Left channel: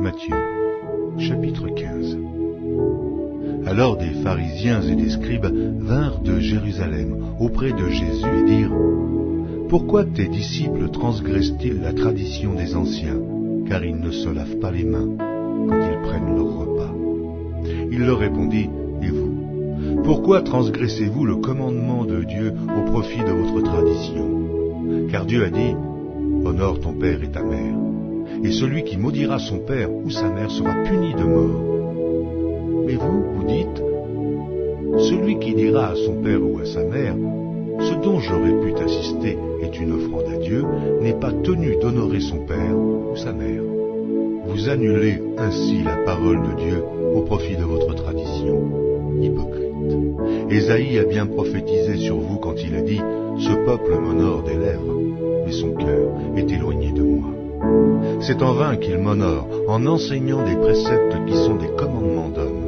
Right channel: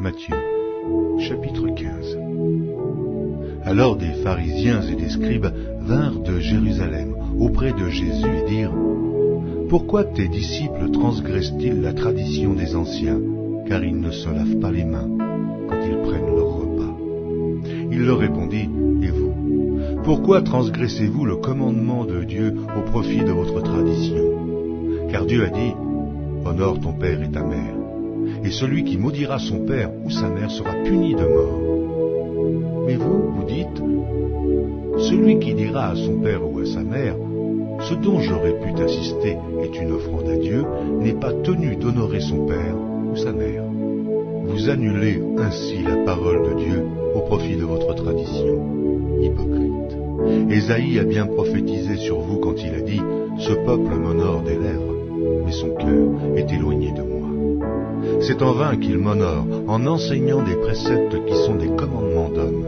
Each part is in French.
Matthieu, chapitre 15. Alors des pharisiens et des scribes vinrent de Jérusalem auprès de Jésus et dirent : Pourquoi tes disciples transgressent-ils la tradition des anciens, car ils ne se lavent pas les mains quand ils prennent leur repas? Il leur répondit : Et vous, pourquoi transgressez-vous le commandement de Dieu au profit de votre tradition? Car Dieu a dit : Honore ton père et ta mère, et celui qui maudira son père ou sa mère sera puni de mort. Mais vous, vous dites : Celui qui dira à son père ou à sa mère : Ce dont j'aurais pu t'assister est une offrande à Dieu, n'est pas tenu d'honorer son père ou sa mère. Vous annulez ainsi la parole de Dieu au profit de votre tradition. Hypocrite. Ésaïe a bien prophétisé sur vous quand il a dit : Ce peuple m'honore des lèvres, mais son cœur est éloigné de moi. C'est en vain qu'il m'honore en enseignant des préceptes qui sont des commandements d'hommes.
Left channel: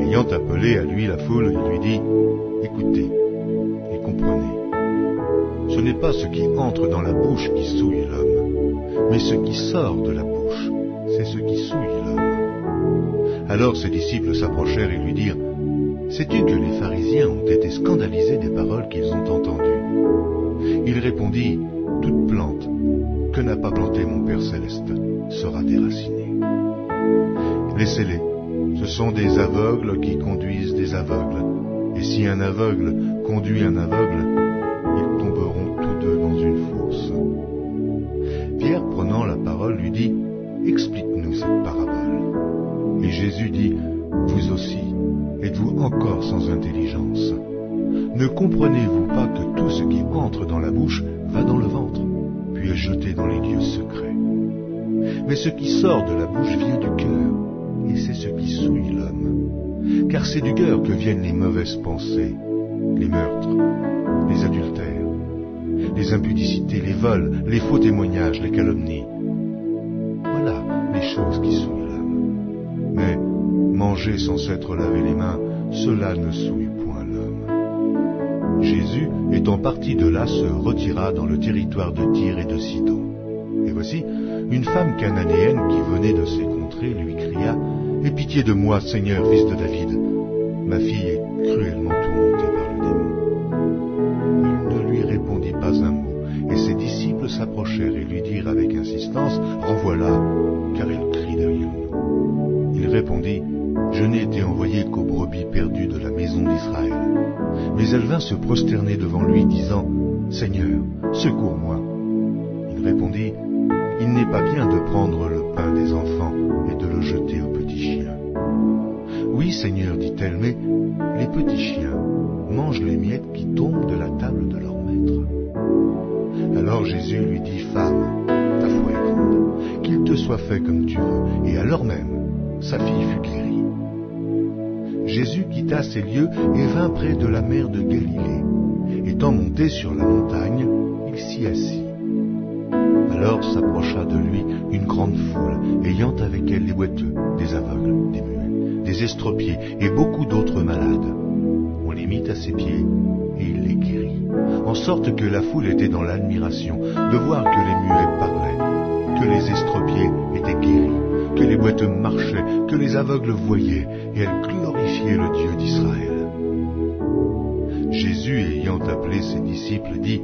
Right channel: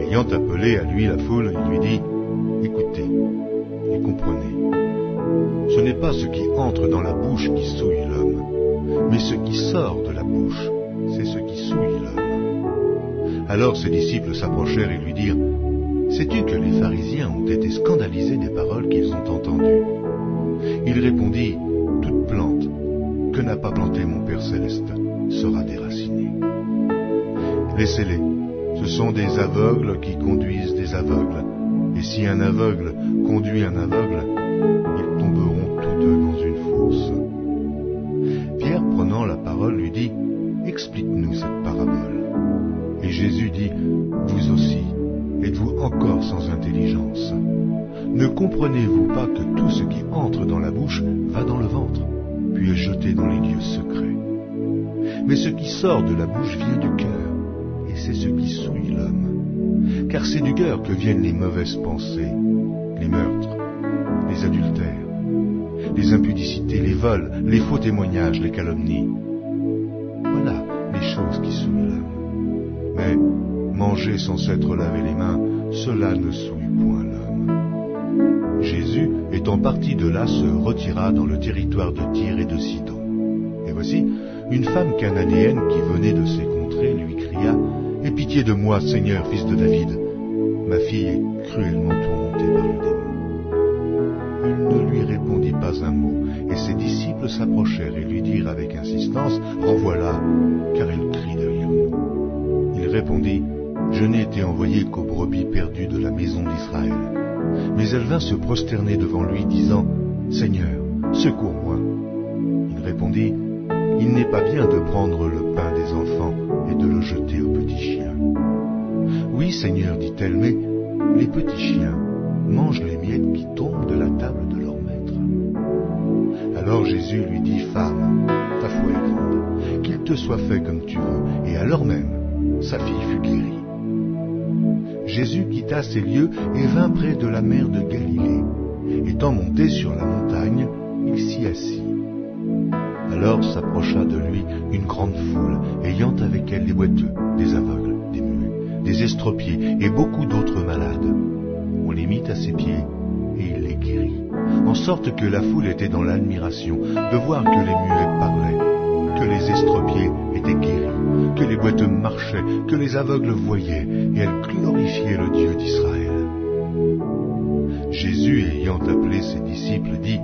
Ayant appelé à lui la foule, il lui dit : Écoutez et comprenez. Ce n'est pas ce qui entre dans la bouche qui souille l'homme, mais ce qui sort de la bouche, c'est ce qui souille l'homme. Alors ses disciples s'approchèrent et lui dirent : Sais-tu que les pharisiens ont été scandalisés des paroles qu'ils ont entendues? Il répondit : Toute plante que n'a pas plantée mon Père céleste sera déracinée. Laissez-les, ce sont des aveugles qui conduisent des aveugles, et si un aveugle conduit un aveugle, ils tomberont tous deux dans une fosse. Pierre, prenant la parole, lui dit : Explique-nous cette parabole. Et Jésus dit : Vous aussi, êtes-vous encore sans intelligence? Ne comprenez-vous pas que tout ce qui entre dans la bouche va dans le ventre, puis est jeté dans les lieux secrets? Mais ce qui sort de la bouche vient du cœur, et c'est ce qui souille l'homme. Car c'est du cœur que viennent les mauvaises pensées, les meurtres, les adultères, les impudicités, les vols, les faux témoignages, les calomnies. Voilà les choses qui souillent l'homme. Mais manger sans s'être lavé les mains, cela ne souille point l'homme. Jésus, étant parti de là, se retira dans le territoire de Tyr et de Sidon. Et voici, une femme cananéenne qui venait de ces contrées lui cria : Aie pitié de moi, Seigneur, fils de David. Ma fille est cruellement tourmentée par le démon. Il ne lui répondit pas un mot, et ses disciples s'approchèrent et lui dirent avec insistance : Renvoie-la, car elle crie derrière nous. Il répondit : Je n'ai été envoyé qu'aux brebis perdues de la maison d'Israël. Mais elle vint se prosterner devant lui, disant : Seigneur, secours-moi. Il répondit : Il n'est pas bien de prendre le pain des enfants et de le jeter aux petits chiens. Oui, Seigneur, dit-elle, mais les petits chiens mangent les miettes qui tombent de la table de leur maître. Alors Jésus lui dit : Femme, ta foi est grande, qu'il te soit fait comme tu veux. Et alors même, sa fille fut guérie. Jésus quitta ces lieux et vint près de la mer de Galilée. Étant monté sur la montagne, il s'y assit. Alors s'approcha de lui une grande foule, ayant avec elle des boiteux, des aveugles, des muets, des estropiés et beaucoup d'autres malades. On les mit à ses pieds et il les guérit, en sorte que la foule était dans l'admiration de voir que les muets parlaient, que les estropiés étaient guéris, que les boiteux marchaient, que les aveugles voyaient, et elle glorifiait le Dieu d'Israël. Jésus, ayant appelé ses disciples, dit :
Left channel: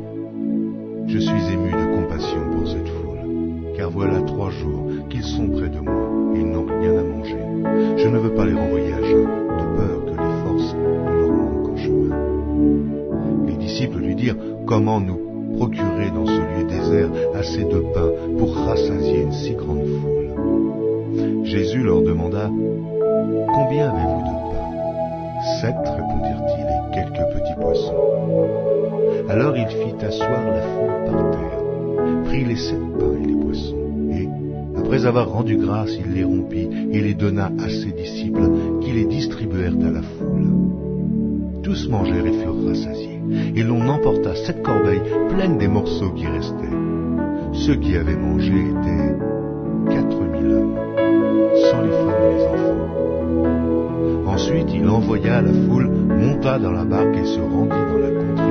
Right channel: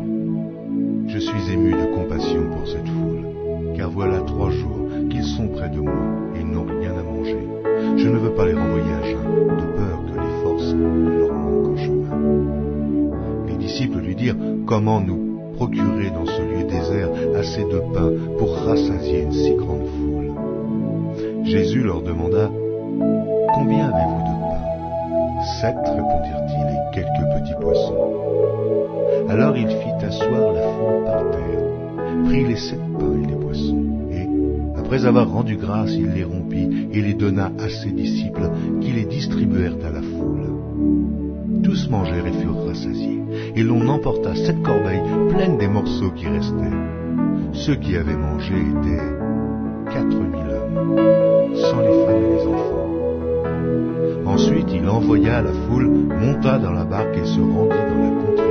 Je suis ému de compassion pour cette foule, car voilà 3 jours qu'ils sont près de moi, et ils n'ont rien à manger. Je ne veux pas les renvoyer à jeun, de peur que les forces ne leur manquent en chemin. Les disciples lui dirent : Comment nous procurer dans ce lieu désert assez de pain pour rassasier une si grande foule? Jésus leur demanda : Combien avez-vous de pain? 7, répondirent-ils, et quelques petits poissons. Alors il fit asseoir la foule par terre, prit les 7 pains et les poissons, et, après avoir rendu grâce, il les rompit et les donna à ses disciples, qui les distribuèrent à la foule. Tous mangèrent et furent rassasiés, et l'on emporta 7 corbeilles pleines des morceaux qui restaient. Ceux qui avaient mangé étaient 4000 hommes, sans les femmes et les enfants. Ensuite, il envoya la foule, monta dans la barque et se rendit dans la contrée